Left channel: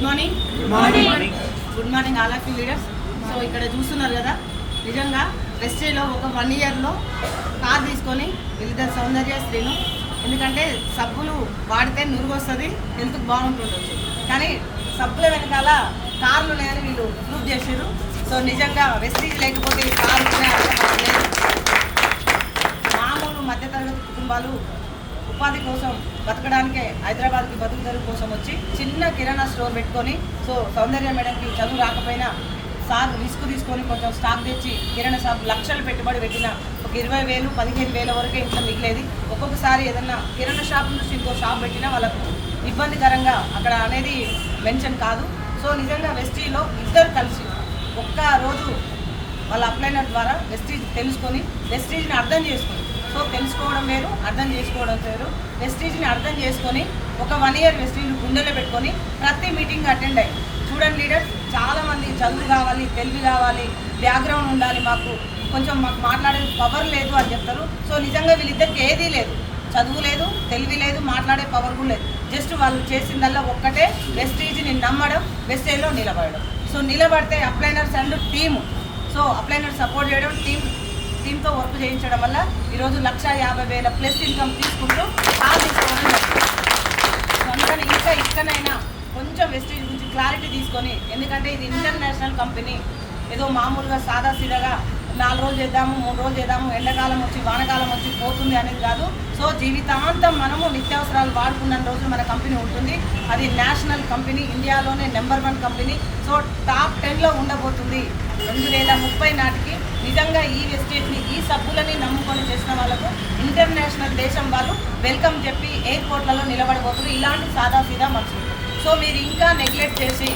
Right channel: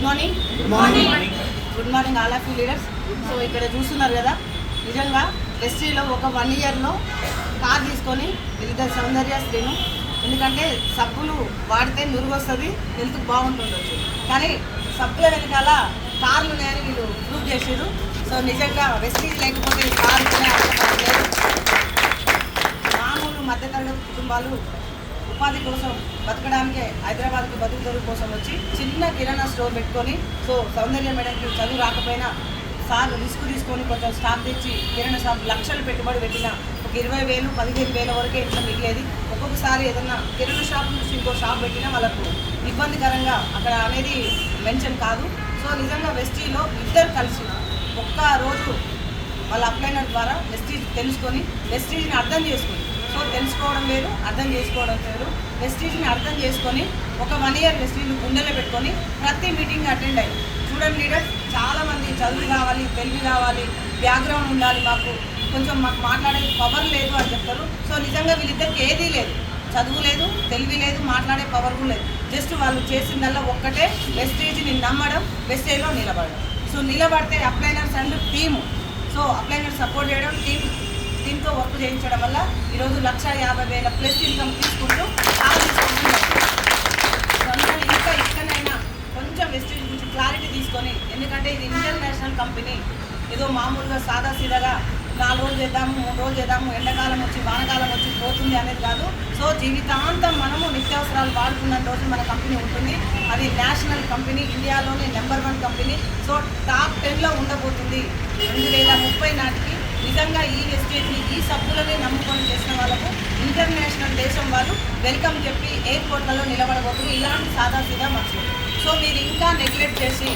Good morning good morning all of you leaders. So ఇక్కడ చూస్తున్నారు కదా, నిజంగా వెస్ట్రీలో ఒక 1 ఇయర్లో కార్ తీసుకొని వీళ్ళిద్దరు సౌందర్య స్త్రీను, ఎందుకంటే సబ్బులు వాడితే నురుగు వస్తుంది, హెల్త్కి బాగుంటుండొచ్చు, కానీ సబ్బుల వెనకాల కార్లు లేని వీళ్ళు ప్రూవ్ చేసారు. సో నిజంగా వెస్ట్రీజ్ లేకపోతే ఈ కార్లు లేదు. మామూలు మధ్యతరగతి కుటుంబాలు ఉపాధి కోసం బతకడానికే హైదరాబాద్కి బతుకుదరు కోసం వచ్చి చిన్న కిరాణా స్టోర్ పెట్టుకొని, సో సౌందర్య మేడంకి చదువు రాకపోయినా సార్ రిస్క్ తీసుకొని కొంచెం స్టాక్ తెచ్చి కిరాణా షాప్ లక్షలు పెట్టుబడి పెట్టిన ఒక 20,000 15,000 వరకే ఇంట్లో మిగిలేదు. ఒక్కొక్కసారి ఏదన్నా కిరాణా షాప్ నుంచి ఇంకో షాప్ పెట్టినా వాళ్ళకు ఇబ్బందికరంగా అక్కడ అనేది మెన్షన్ కాదు. సో నిజంగా వెస్టీజ్లో ఇద్దరు కలిసి ఒక్క రోజు వాళ్ళ అప్లైనర్ ద్వారా వెస్టీజ్ తెలుసుకొని వెస్టీజ్ని అర్థం చేసుకొని, సో తెలుసుకోవడం వేరు, అర్థం చేసుకోవడం వేరు. వెస్టీజ్ని అర్థం చేసుకొని ఒక 1 ఇయర్ వెస్టీజ్ గుండెలో పెట్టుకొని ప్రతి మీటింగ్ అటెండ్ అయ్యి చూడండి లీడర్, చాలామంది చదువు కావాలి, తెలివి కావాలి, బ్యాక్గ్రౌండ్ ఉండాలి, మాకు మాట్లాడే పవర్ లేదు అని చెప్తారు. సో నిజంగా వీళ్ళిద్దరికి ఏదీ లేదు, చదువు లేదు, తెలివి లేదు, మాట్లాడే పవర్ కూడా లేదు. జస్ట్ వాళ్ళు చేసిందల్లా ఒక్కటే, వెస్టీజ్ని నమ్మడం, వెస్టీజ్లో నిలబడడం. సో నిలబడితే upliners and team, so upliner support చేయడం, టీంతో వర్క్ చేయించడం వల్ల ఈరోజు 1,50,000 ప్లస్ ఇన్కమ్ తీసుకుంటూ అందుకని ఇంకా ఇక్కడైనా కొంచెం వెస్టీజ్ గురించి క్లారిటీ తీసుకొని, ఎందుకంటే ఇది ఇంటర్నేషనల్ కంపెనీ, ఏదో మామూలుగా సాదా సీదాగా 4 రోజులు చేద్దాము, 3 రోజులు చేద్దాము, ఎండాకాలం వచ్చి వానకాలం వచ్చి పోతుంది అనేది కాదు. సో జీవితాంతం మనము నిత్యావసరాలు వాడుకున్న రోజు మన కంపెనీ ఉంటుంది. అది నేషనల్ కంపెనీ, ఇండియాలోనే నెంబర్ 1 కంపెనీ. సో టాప్ 10లో ఉండబోతుంది 2030 నాటికి. నిజంగా ఈ వెస్టేజ్ని, ఈ సబ్బులని నమ్ముకొని చేసిన వాళ్ళకు ఇంటర్నేషనల్ దేశం వాళ్ళు వెల్కమ్ చెప్పి ఎయిర్పోర్ట్లలో నిలబడబోతున్నారు. ఇలాంటి సాదా సీదా మనుషులు. సో మీరు ఇంకా నెగ్లెక్ట్ చేసి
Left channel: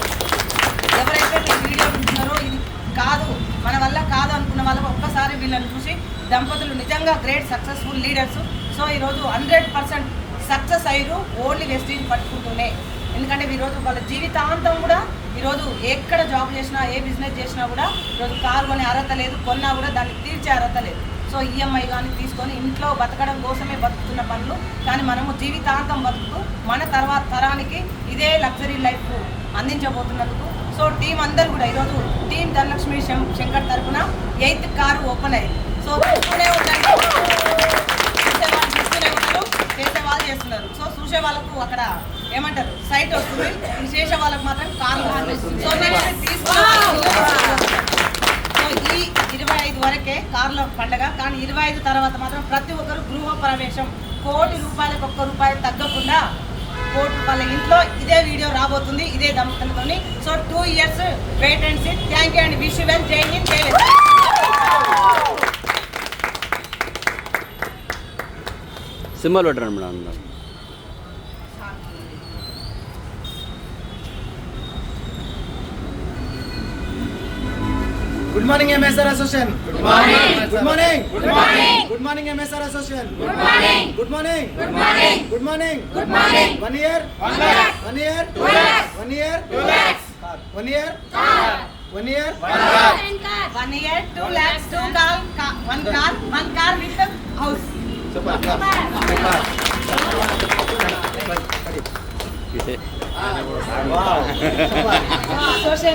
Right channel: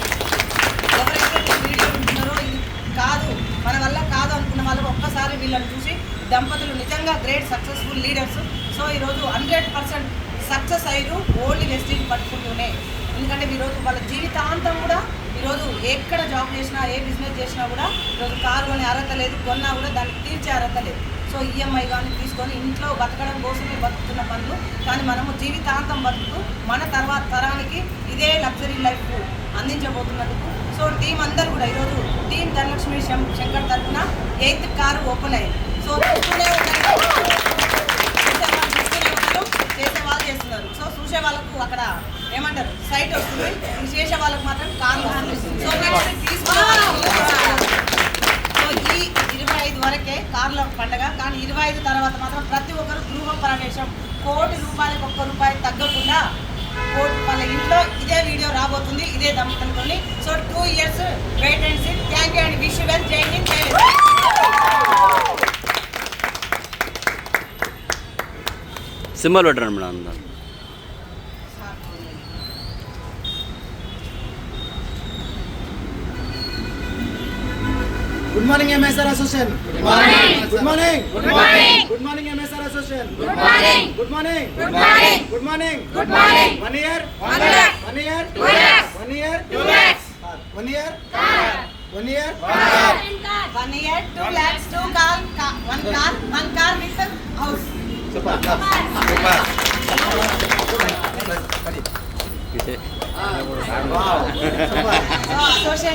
ఎవరైతే వీడియో ఉంటున్నారో ఇది కాదు, మన వల్ల కాదు అనుకున్న వాళ్ళకు ఒక్కసారి వీళ్ళని చూసి దంపతులు నిజంగా గ్రేట్ సక్సెస్ఫుల్ లీడర్స్. సో ఈరోజు 100% సక్సెస్ అయ్యారు ఓన్లీ వెస్టీజ్ పట్టుకుంటూనే. ఎందుకంటే ఈరోజు వాళ్ళ జీవితాంతం కూడా ఈరోజు ఎక్కడ జాబ్ చేసినా, ఏ బిజినెస్ చేసినా కూడా ఈరోజు కారు కొనే అర్హత లేదు, కొన్నా కూడా దాన్ని తీర్చే అర్హత లేదు. సో ఈఎంఐ కానీ తీసుకొని ఇంట్లో బతకడం కోసమే బతుకుతున్న పనులు, కానీ మనము జీవితాంతం బతుకుతూ మన తర్వాత తరానికి ఇదే లగ్జరీ లైఫ్ అందించబోతున్నందుకు. సో టీం అందరూ కూడా ఈరోజు టీం ధనలక్ష్మి శంకర్ తరఫున 8th కారు ఓపెన్ అయ్యింది. సో చూస్తూనే ఉండండి, చేసే వాళ్ళు చేస్తున్నారు. సో చూసే వాళ్ళకు అక్కడ ఏమంటారు సైట్ వస్తుంది, చేసే వాళ్ళకు మాత్రం కారు. సో ఈ 25 వరకే కార్ల పండగ, కానీ 25 తర్వాత మాత్రం ప్రతి ఒక్కరు గృహ ప్రవేశం ₹1,00,00,000 ₹1 తగ్గకుండా ₹1,00,00,000 ఇంట్లో ఇదే వీడియో రాబోతుంది, ఇదే దంపతులతోని. So 2 years wait and see. Thank you and wish you well. జై హింద్, జై హింద్. సింబల్ పెట్టండి మేడం అందరూ. Good morning MSR Association. Good morning. Good morning. Good morning. Good morning MSR Association. Good morning. Good morning. Good morning. Good morning. Good morning. 1 year. 1 year. 1 year. 2 years. 1 year. 2 years. 1 year. Car. 1 year. 1 year 2 lakhs, 1 car with a house. Super. ఇదే Wow. Super. So association